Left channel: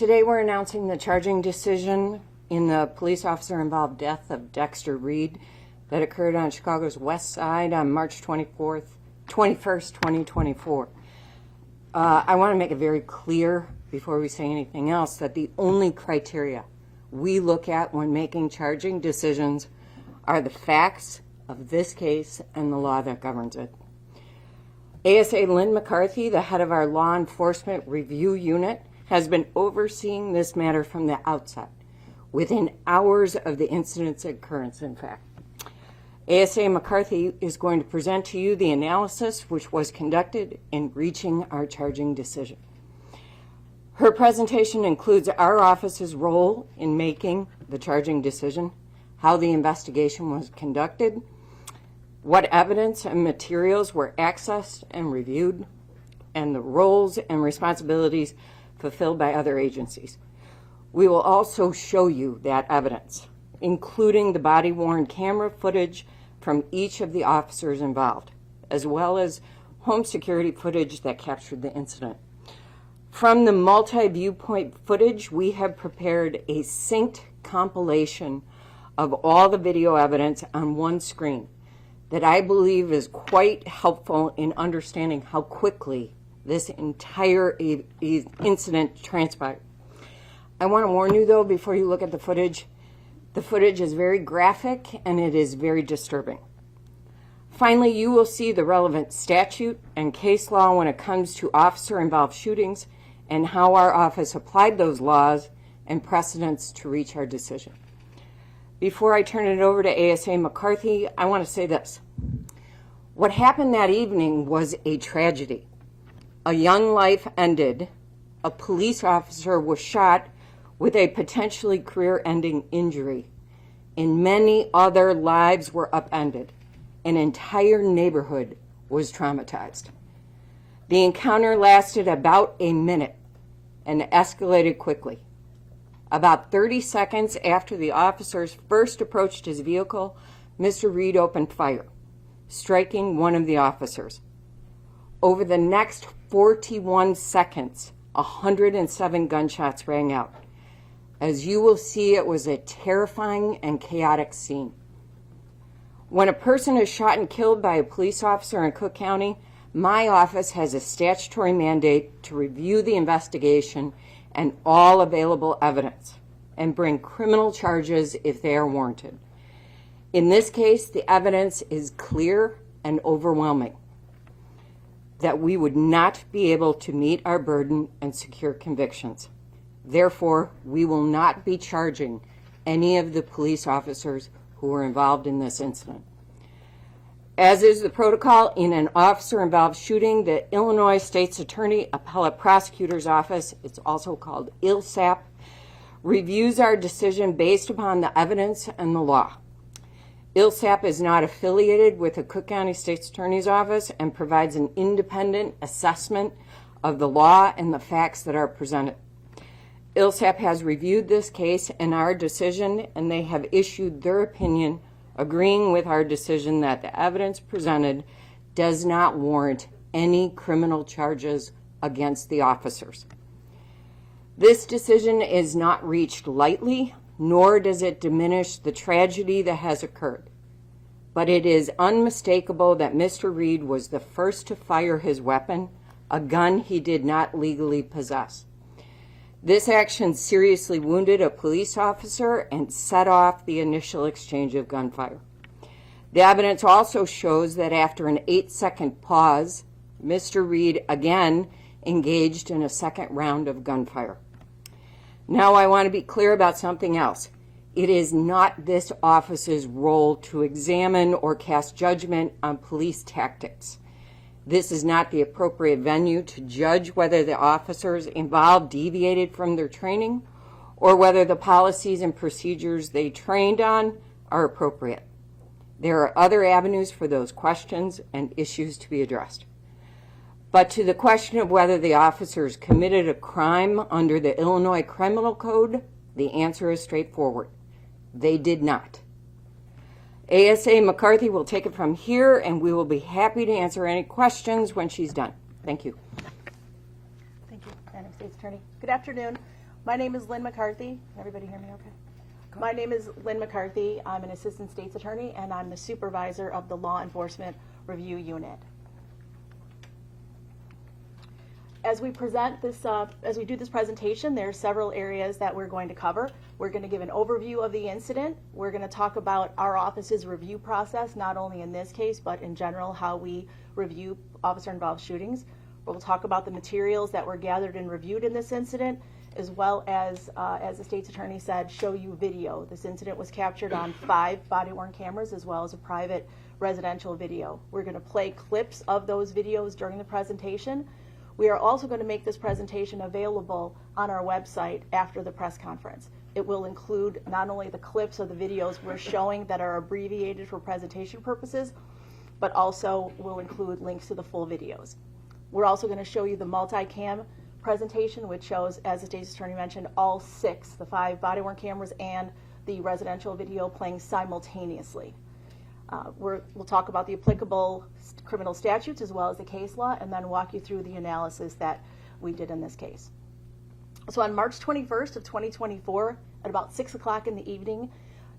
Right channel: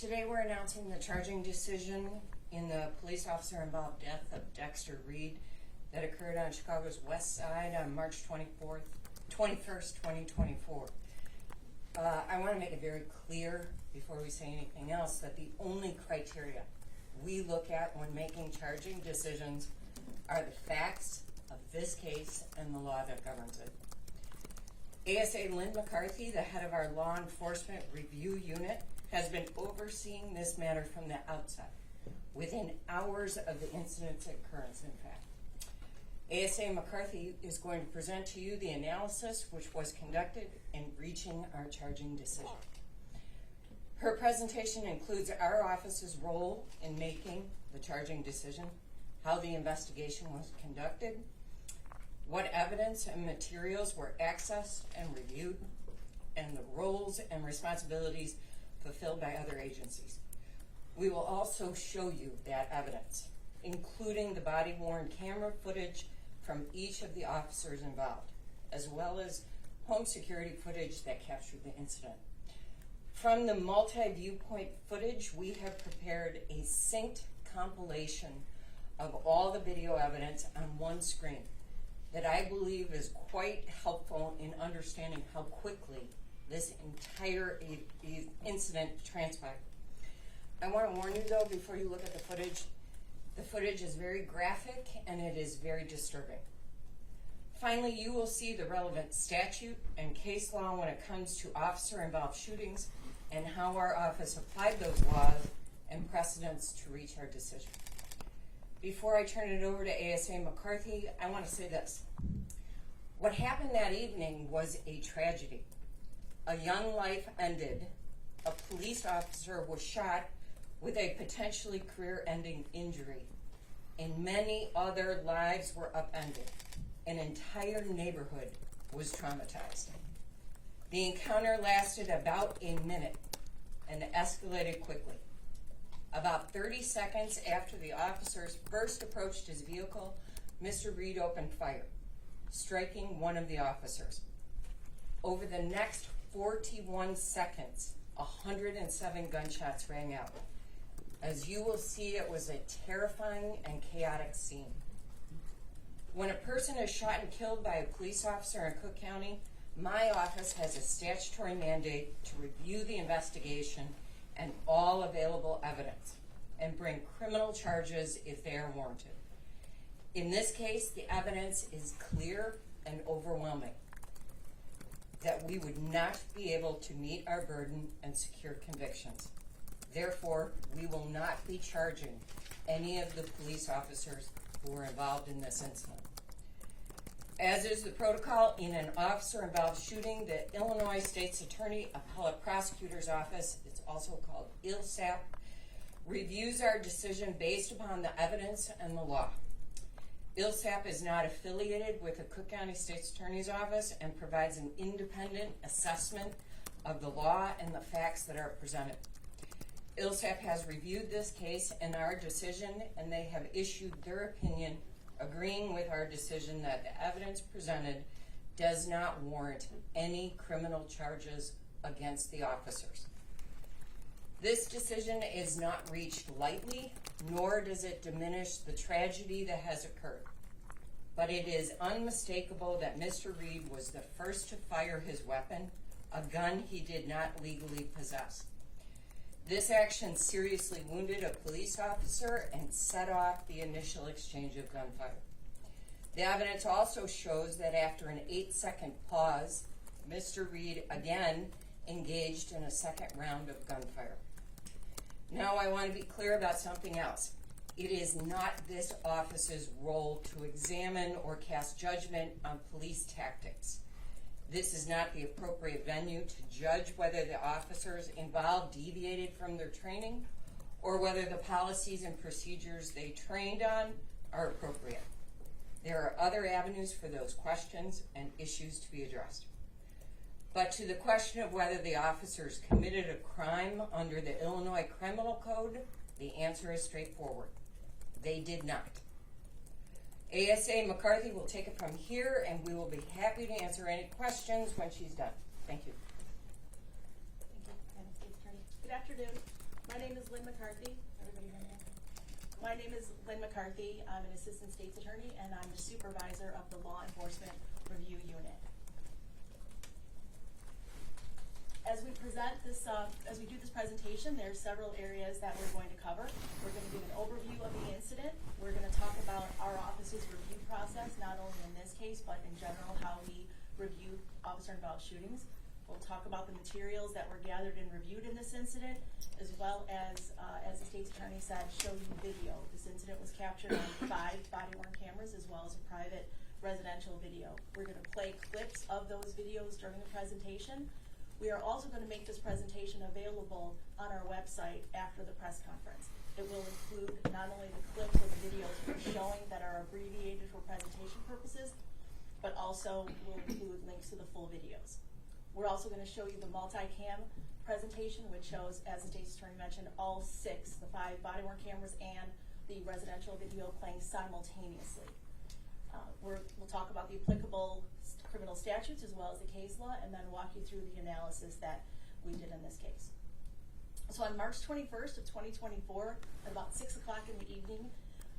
Today we're announcing the charging decision in the police officer-involved death of Dexter Reed that occurred on Chicago's West Side on March 21st, 2024. I want to make it very clear before we say anything else that the only criteria we look at when making charging decisions are the facts of this case and the law that governs it. ASA Lynn McCarthy, the head of our Law Enforcement Review Unit, has been overseeing this matter from the outset, within hours of the incident's occurrence, in fact. ASA McCarthy is going to present to you the analysis which was conducted in reaching our charging decision. Her presentation includes our office's role in making the charging decision, how the investigation was conducted, what evidence and materials were accessed and reviewed, and the roles and responsibilities fulfilled by other agencies. We will also show you that evidence, including the body-worn camera footage from each of the officers involved, as well as home security footage that captured the incident. From the multi-viewpoint footage, we have prepared a synced compilation of all the video evidence on one screen that I believe is quite helpful in understanding how quickly this entire incident transpired. I want to warn you, though, before you look at the footage is very graphic and it is very disturbing. Finally, you will see the relevant statute and case law when it comes to officer-involved shootings and how our office applied those laws and precedents to reach our decision. Before I turn it over to ASA McCarthy, I want to say this. What happened that evening was a tragedy. A young life ended. A police officer was shot with a potentially career-ending injury, and many other lives were upended. An entire neighborhood was traumatized. The encounter lasted about a minute and escalated quickly. About 30 seconds after the officers first approached his vehicle, Mr. Reed opened fire, striking one of the officers. Over the next 41 seconds, 107 gunshots rang out. As you will see, it was a terrifying and chaotic scene. When a person is shot and killed by a police officer in Cook County, my office has a statutory mandate to review the investigation and all available evidence and bring criminal charges if they are warranted. In this case, the evidence is clear and overwhelming that we would not be able to meet our burden and secure convictions. Therefore, we will not be charging any of the police officers who were involved in this incident. As is the protocol in an officer-involved shooting, the Illinois State's Attorney Appellate Prosecutor's Office, it's also called ILSAP, reviews our decision based upon the evidence and the law. ILSAP is not affiliated with the Cook County State's Attorney's Office and provides an independent assessment of the law and the facts that are presented. ILSAP has reviewed this case and our decision, and they have issued their opinion agreeing with our decision that the evidence presented does not warrant any criminal charges against the officers. This decision is not reached lightly, nor does it diminish the tragedy that has occurred. But it is unmistakable that Mr. Reed was the first to fire his weapon, a gun he did not legally possess. This action seriously wounded a police officer and set off the initial exchange of gunfire. The evidence also shows that after an 8-second pause, Mr. Reed again engaged in a second round of gunfire. Now I want to be clear about something else. It is not this office's role to examine or cast judgment on police tactics. This is not the appropriate venue to judge whether the officers involved deviated from their training or whether the policies and procedures they trained on are appropriate. There are other avenues for those questions and issues to be addressed. But to the question of whether the officers committed a crime under the Illinois Criminal Code, the answer is straightforward. They did not. ASA McCarthy will take it from here, and we will be happy to answer any questions when she's done. Thank you. Thank you, Madam State's Attorney. Good afternoon. My name is Lynn McCarthy. Everybody hear me okay? My name is Lynn McCarthy. I'm an assistant state's attorney, and I'm the supervisor of the Law Enforcement Review Unit. As we present this, as we do this presentation, there are several areas that we're going to cover. We're going to give an overview of the incident. We're going to talk about our office's review process, not only in this case, but in general, how we review officer-involved shootings. We'll talk about the materials that were gathered and reviewed in this incident, as well as the state's attorney said, show you video. This incident was captured on 5 body-worn cameras, as well as a private residential video. We're going to play clips of those videos during the presentation. We are also going to make this presentation available on our website after the press conference. It will include not only the clips of the videos we're showing that are abbreviated for presentation purposes, but also will include links to the full videos. We're also going to show you the multicam presentation, which shows, as the state's attorney mentioned, all 6, the 5 body-worn cameras and the residential video playing simultaneously. We'll talk about the applicable criminal statutes as well as the case law, and then walk you through the analysis that we did in this case. So on March 21st of 2024, at about 6 o'clock in the evening,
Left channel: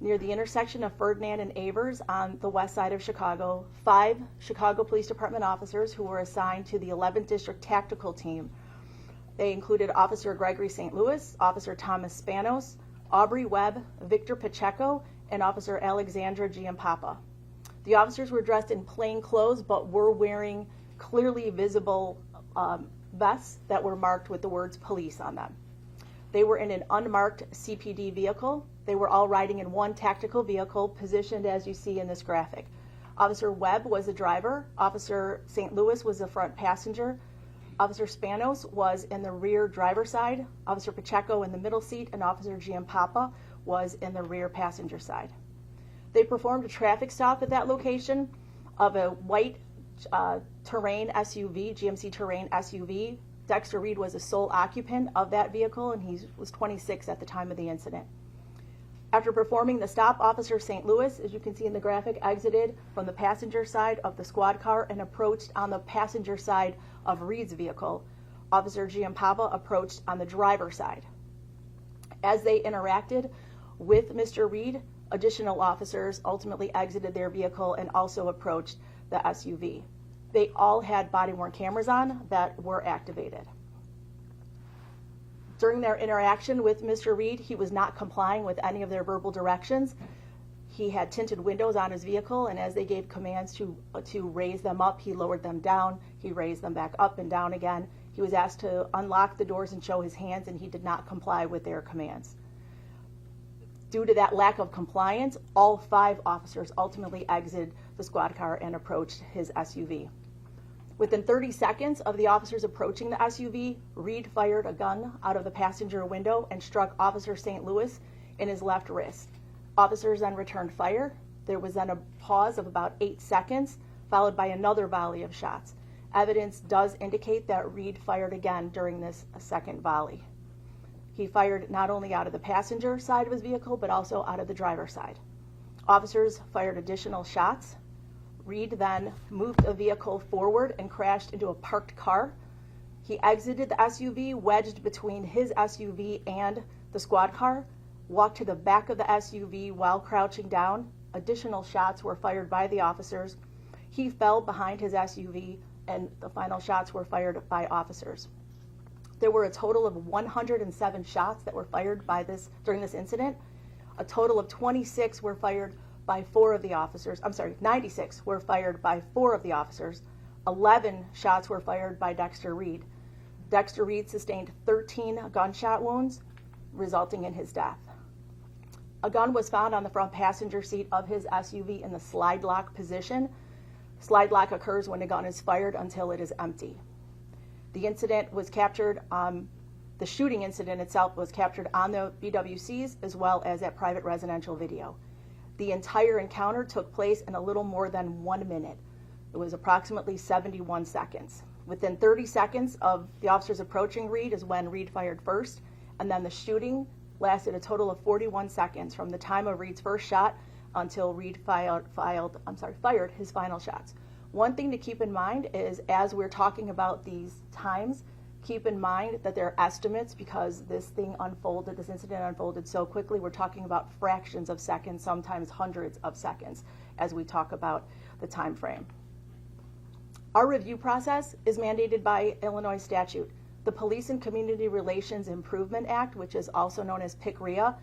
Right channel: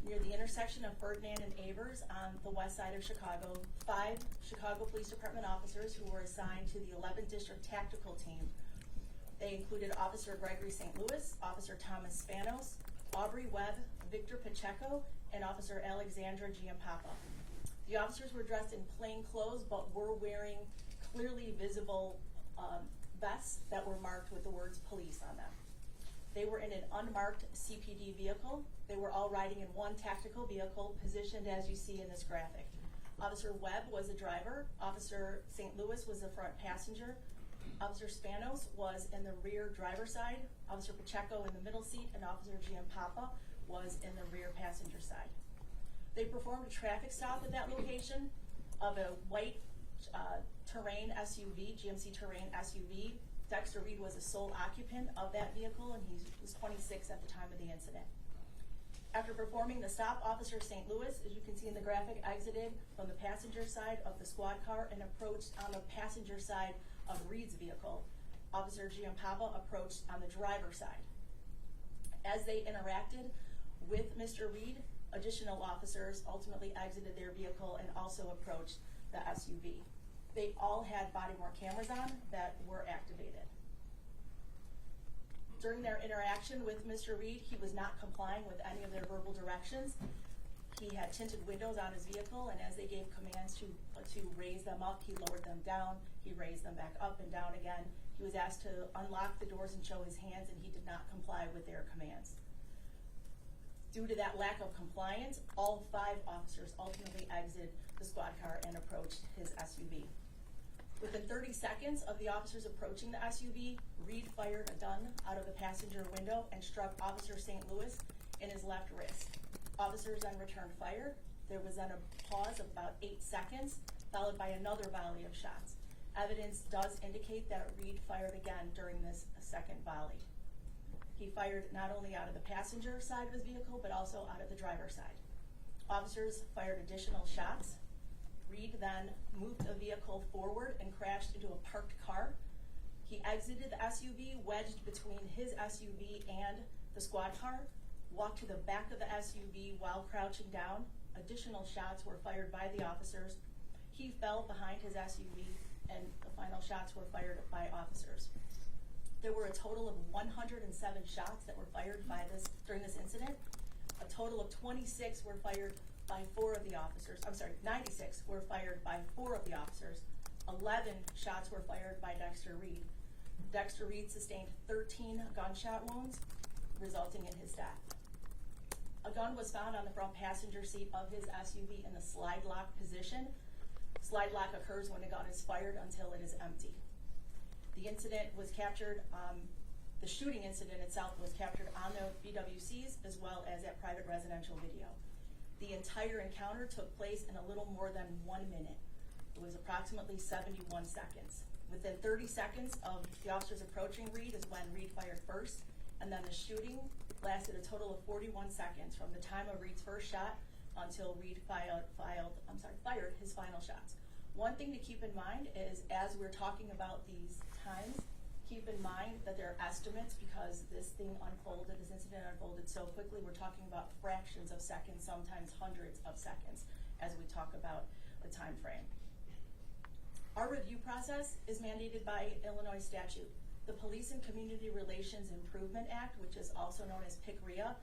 near the intersection of Ferdinand and Avers on the west side of Chicago, 5 Chicago Police Department officers who were assigned to the 11th District Tactical Team. They included Officer Gregory St. Louis, Officer Thomas Spanos, Aubrey Webb, Victor Pacheco, and Officer Alexandra Giampapa. The officers were dressed in plain clothes, but were wearing clearly visible vests that were marked with the words police on them. They were in an unmarked CPD vehicle. They were all riding in one tactical vehicle positioned as you see in this graphic. Officer Webb was the driver. Officer St. Louis was the front passenger. Officer Spanos was in the rear driver's side. Officer Pacheco in the middle seat, and Officer Giampapa was in the rear passenger side. They performed a traffic stop at that location of a white Terrain SUV, GMC Terrain SUV. Dexter Reed was the sole occupant of that vehicle, and he was 26 at the time of the incident. After performing the stop, Officer St. Louis, as you can see in the graphic, exited from the passenger side of the squad car and approached on the passenger side of Reed's vehicle. Officer Giampapa approached on the driver's side. As they interacted with Mr. Reed, additional officers ultimately exited their vehicle and also approached the SUV. They all had body-worn cameras on that were activated. During their interaction with Mr. Reed, he was not complying with any of their verbal directions. He had tinted windows on his vehicle, and as they gave commands to raise them up, he lowered them down. He raised them back up and down again. He was asked to unlock the doors and show his hands, and he did not comply with their commands. Due to that lack of compliance, all 5 officers ultimately exited the squad car and approached his SUV. Within 30 seconds of the officers approaching the SUV, Reed fired a gun out of the passenger window and struck Officer St. Louis in his left wrist. Officers then returned fire. There was then a pause of about 8 seconds, followed by another volley of shots. Evidence does indicate that Reed fired again during this second volley. He fired not only out of the passenger side of his vehicle, but also out of the driver's side. Officers fired additional shots. Reed then moved a vehicle forward and crashed into a parked car. He exited the SUV, wedged between his SUV and the squad car, walked to the back of the SUV while crouching down. Additional shots were fired by the officers. He fell behind his SUV, and the final shots were fired by officers. There were a total of 107 shots that were fired during this incident. A total of 26 were fired by 4 of the officers. 96 were fired by 4 of the officers. 11 shots were fired by Dexter Reed. Dexter Reed sustained 13 gunshot wounds, resulting in his death. A gun was found on the front passenger seat of his SUV in the slide lock position. Slide lock occurs when a gun is fired until it is empty. The incident was captured, the shooting incident itself was captured on the BWCs as well as at private residential video. The entire encounter took place in a little more than 1 minute. It was approximately 71 seconds. Within 30 seconds of the officers approaching Reed is when Reed fired first, and then the shooting lasted a total of 41 seconds from the time of Reed's first shot until Reed fired his final shots. One thing to keep in mind is, as we're talking about these times, Keep in mind that they're estimates because this incident unfolded so quickly. We're talking about fractions of seconds, sometimes hundreds of seconds, as we talk about the time frame. Our review process is mandated by Illinois statute. The Police and Community Relations Improvement Act, which is also known as PCRIA,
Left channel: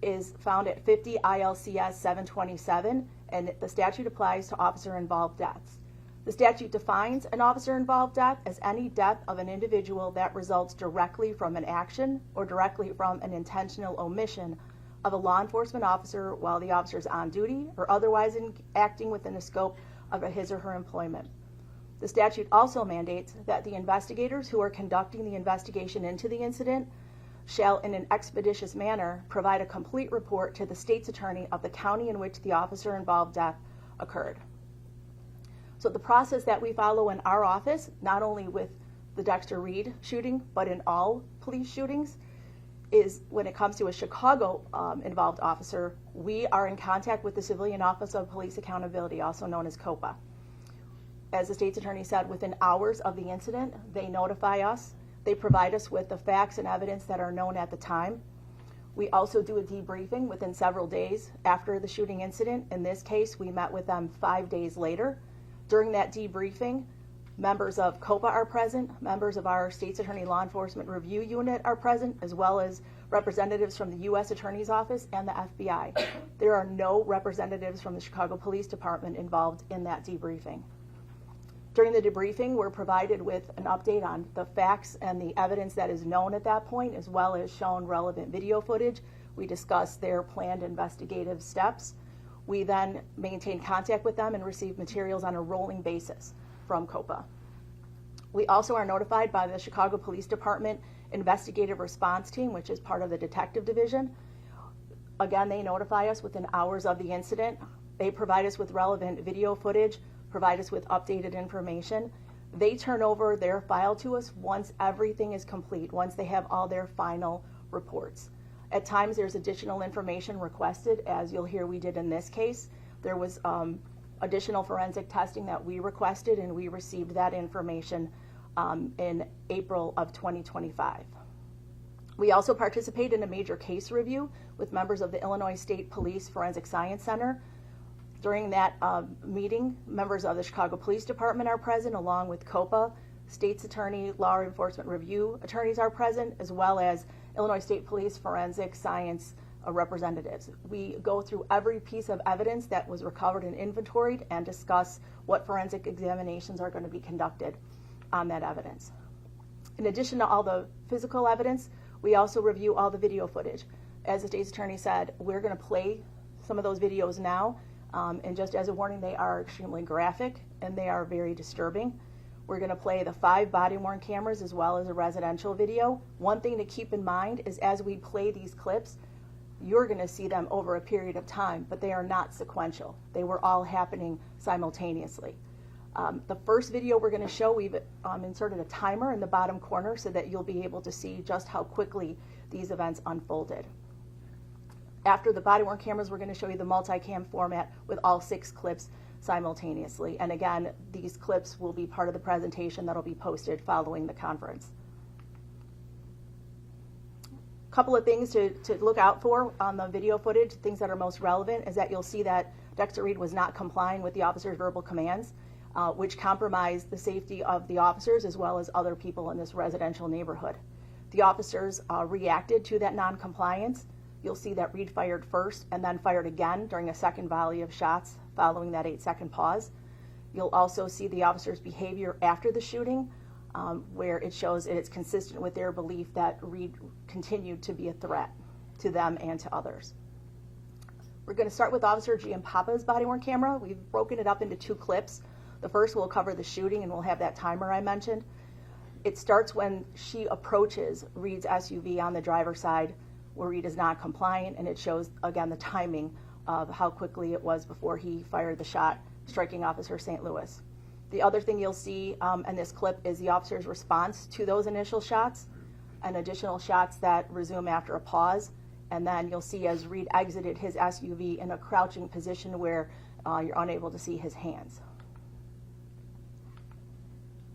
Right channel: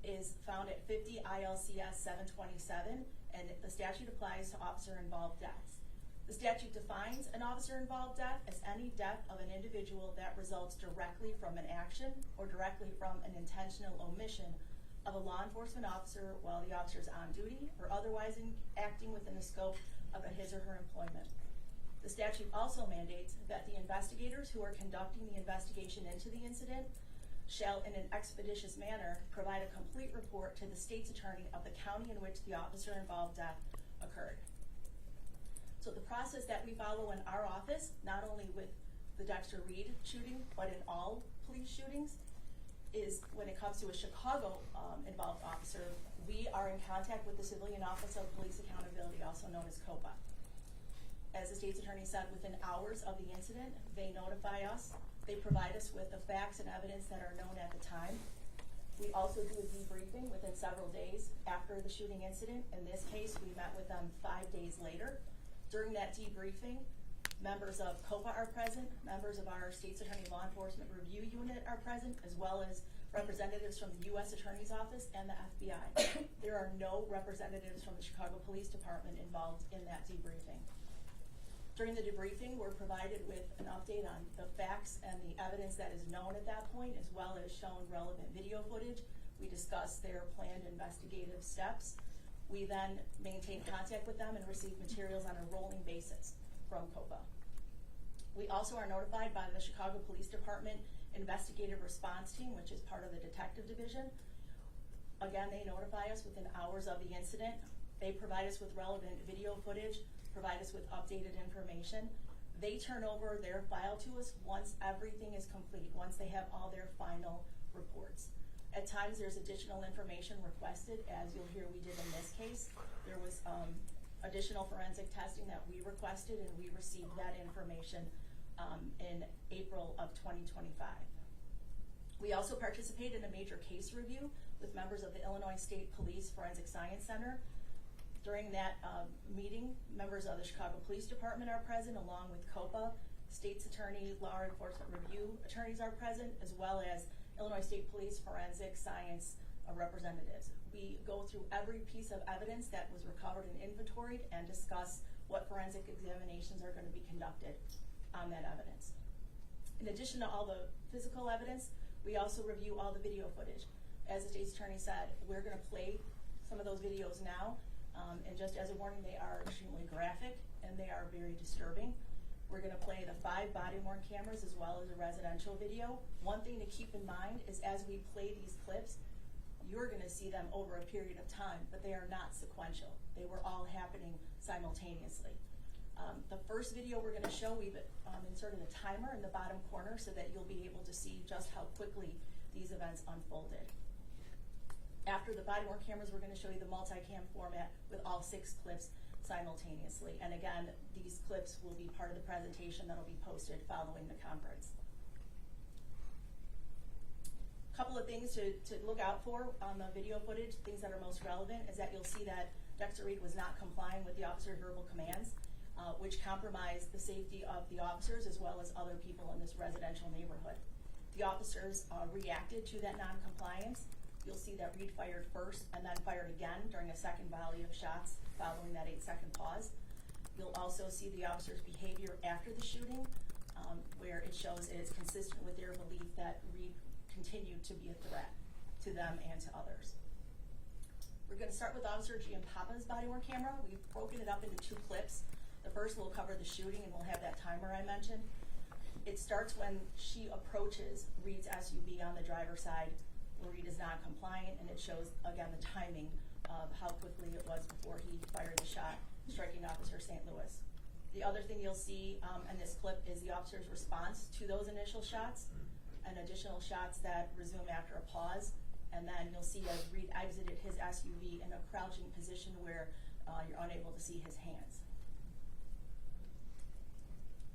is found at 50 ILCS 727, and the statute applies to officer-involved deaths. The statute defines an officer-involved death as any death of an individual that results directly from an action or directly from an intentional omission of a law enforcement officer while the officer is on duty or otherwise acting within the scope of his or her employment. The statute also mandates that the investigators who are conducting the investigation into the incident shall, in an expeditious manner, provide a complete report to the state's attorney of the county in which the officer-involved death occurred. So the process that we follow in our office, not only with the Dexter Reed shooting, but in all police shootings, is when it comes to a Chicago involved officer, we are in contact with the Civilian Office of Police Accountability, also known as COPA. As the state's attorney said, within hours of the incident, they notify us. They provide us with the facts and evidence that are known at the time. We also do a debriefing within several days after the shooting incident. In this case, we met with them 5 days later. During that debriefing, members of COPA are present, members of our State's Attorney Law Enforcement Review Unit are present, as well as representatives from the U.S. Attorney's Office and the FBI. There are no representatives from the Chicago Police Department involved in that debriefing. During the debriefing, we're provided with an update on the facts and the evidence that is known at that point, as well as shown relevant video footage. We discuss their planned investigative steps. We then maintain contact with them and receive materials on a rolling basis from COPA. We also are notified by the Chicago Police Department Investigative Response Team, which is part of the Detective Division. Again, they notify us within hours of the incident. They provide us with relevant video footage, provide us with updated information. They turn over their file to us once everything is complete, once they have all their final reports. At times there's additional information requested, as you'll hear we did in this case. There was additional forensic testing that we requested, and we received that information in April of 2025. We also participate in a major case review with members of the Illinois State Police Forensic Science Center. During that meeting, members of the Chicago Police Department are present, along with COPA. State's Attorney, Law Enforcement Review attorneys are present, as well as Illinois State Police Forensic Science representatives. We go through every piece of evidence that was recovered and inventoried and discuss what forensic examinations are going to be conducted on that evidence. In addition to all the physical evidence, we also review all the video footage. As the state's attorney said, we're going to play some of those videos now, and just as a warning, they are extremely graphic and they are very disturbing. We're going to play the 5 body-worn cameras as well as a residential video. One thing to keep in mind is as we play these clips, you're going to see them over a period of time, but they are not sequential. They were all happening simultaneously. The first video we're going to show, we've inserted a timer in the bottom corner so that you'll be able to see just how quickly these events unfolded. After the body-worn cameras, we're going to show you the multicam format with all 6 clips simultaneously. And again, these clips will be part of the presentation that'll be posted following the conference. A couple of things to look out for on the video footage, things that are most relevant, is that you'll see that Dexter Reed was not complying with the officer's verbal commands, which compromised the safety of the officers as well as other people in this residential neighborhood. The officers reacted to that non-compliance. You'll see that Reed fired first and then fired again during a second volley of shots following that 8-second pause. You'll also see the officer's behavior after the shooting, where it shows it's consistent with their belief that Reed continued to be a threat to them and to others. We're going to start with Officer Giampapa's body-worn camera. We've broken it up into 2 clips. The first will cover the shooting, and we'll have that timer I mentioned. It starts when she approaches Reed's SUV on the driver's side, where Reed is not compliant, and it shows, again, the timing of how quickly it was before he fired the shot, striking Officer St. Louis. The other thing you'll see in this clip is the officer's response to those initial shots and additional shots that resume after a pause. And then you'll see as Reed exited his SUV in a crouching position where you're unable to see his hands.